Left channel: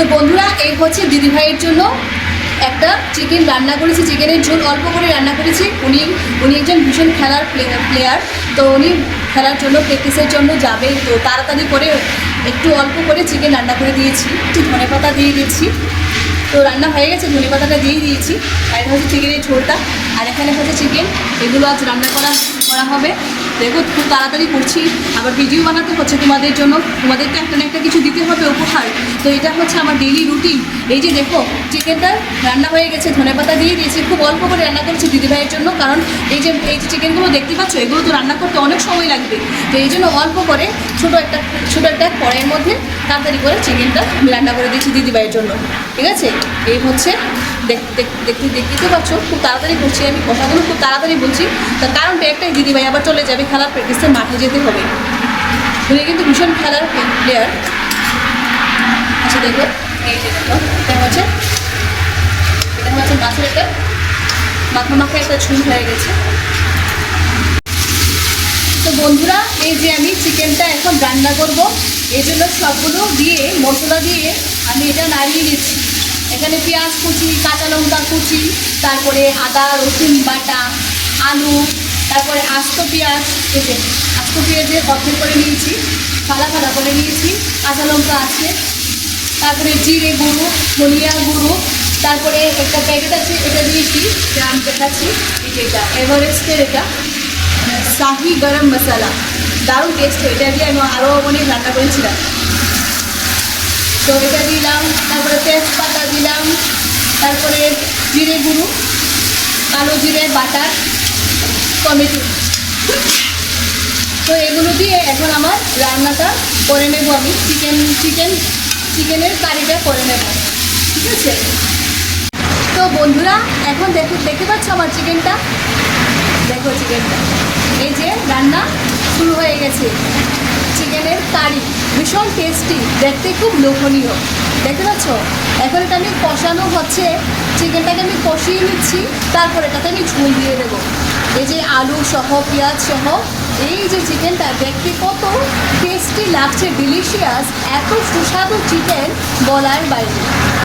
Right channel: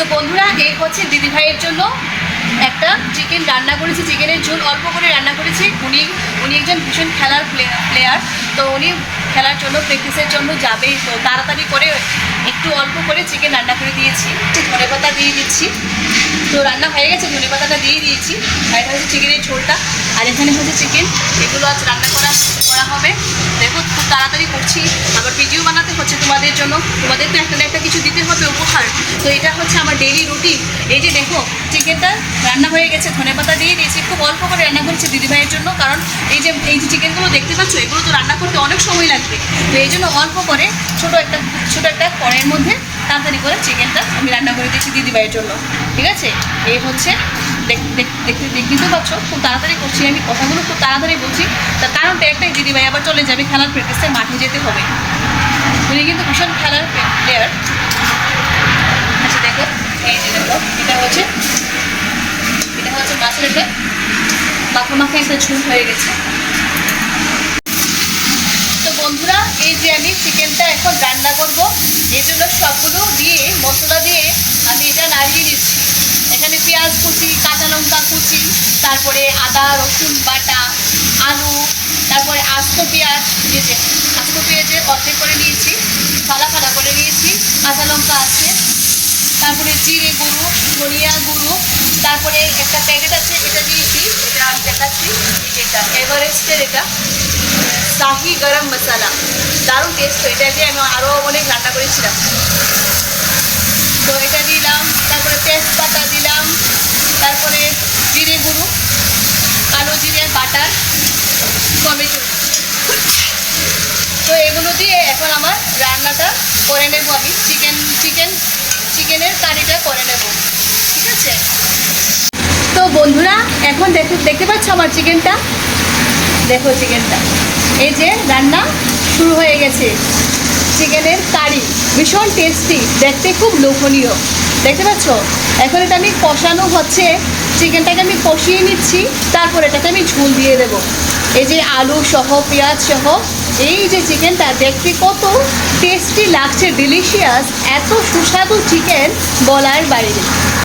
তো বন্ধুরা, এই হচ্ছে দিদিভাইয়ের জন্য একটা চিকেন রান্না করেছি চিকেনের ঝোল অল্প করে রান্না করেছি। উনি উনি একজন ভীষণ খেলার প্লেয়ার তো উনি খেলার জন্য প্র্যাকটিসের জন্য যাবে। তো তাড়াতাড়ি করে একটু অল্প করে চিকেন রান্না করে দিয়েছি। ধনে পাতা দিয়ে দিচ্ছি। তো রান্না হয়ে গেছে, ধনে পাতাটা দিয়ে দিয়েছি। আর এটা হচ্ছে চিকেনের ঝোলটা। আর এখানে হচ্ছে চিকেন এগুলো আজ রান্না করা করা হবে। দেখো, খুব তাড়াতাড়ি করছি। আবার ভিডিও বানাতে হচ্ছে তোমাদের জন্য। তোমাদের তো একটা একটা কিছু দিতে উপহার। তো এটা হচ্ছে আমার ডেইলি রুটিন এই যে দেখো চিকেনটা রান্না হয়ে গেছে, ধনে পাতা দিয়ে দিয়েছি। খুব অল্প করে রান্না করেছি দিদিভাইয়ের জন্য, কারণ এই যে এই যে চিকেনগুলো দেখতে পাচ্ছ, এগুলো তো রান্না করতে অনেক সময় লাগবে। তো এই জন্য অল্প করে ছোটো একটা ছোটো একটা কড়াইয়ের মধ্যে তাড়াতাড়ি করে চিকেনটা আমি রান্না করে দিয়েছি দিদিভাইয়ের জন্য। ঠিক আছে? এই হচ্ছে, দেখ- দেখ- দেখতে দেখতে পাচ্ছ, খুব তাড়াতাড়ি করছি আমি, কথাগুলো খুব তাড়াতাড়ি বলছি। তার কারণটা একটাই, দিদিভাই আবার চলে যাবে খেলার প্র্যাকটিসে মাঠে যেতে হবে। উনি কিন্তু ভীষণ খেলার প্লেয়ার আচ্ছা দেখো, এই যে দেখো, এটা হচ্ছে এটা হচ্ছে মাছের একটা মাখা মাখা একটা ঝুল হয়ে গেছে। তো বন্ধুরা, এই যে আমি চিকেনটা এখন রান্না করব এই জন্য সবগুলো দিয়ে মশলা দিয়ে আমি এটা নাড়িয়ে দিচ্ছি এখানে পেঁয়াজ কুচি, কাঁচা লঙ্কা কুচি, তারপরে আদা, রসুন বাটা, আলু, তারপরে আস্ত পেঁয়াজ, এই যে আস্ত পেঁয়াজে অর্ধেক করে নিয়েছি, ফালা ফালা করে নিয়েছি, কাঁচা লঙ্কা আছে তারপরে জিরে গুঁড়ো, ধনিয়া গুঁড়ো, তারপরে একটা প্যাকেট আছে, এটা দিয়েছি, এটা আমি দেখাচ্ছি এটা, এভারেস্টের এটা, শাহি গরম মশলা, দারুণ টেস্ট এটা দিয়ে আমি আরও অনেক রান্না করেছিলাম। তো এটা দিলাম, তারপরে তেজপাতা দিলাম, তারপরে জিরে গুঁড়ো, কালো জিরে, বাটার, টমেটো। তো এগুলো দিয়ে এখন আমার রান্নাটা করে নেব আমি, চিকেন চিকেন চিকেনের কারিটা করে নেব, ঠিক আছে? তো বন্ধুরা, এখন দেখো, দেখতে পাচ্ছ আমার চিকেনটা দেখো চিকেনটা এই যে রান্না শুরু হয়ে গেছে। চিকেনের কারি ভীষণ টেস্টি দেখতে খুব লোভনীয়। দেখতে পাচ্ছ? এখন এটা আমি কষানো হচ্ছে। চিকেনটাকে আমি কষিয়ে নিচ্ছি, তারপর এটাকে আমি ঝুল দিয়ে দেবো। এই যে আলু সহ, পেঁয়াজ সহ এই যে চিকেনটা দেখতে কত টেস্টি লাগছে ডিলিশিয়াস এত সুস্বাদু চিকেন বলার বাইরে।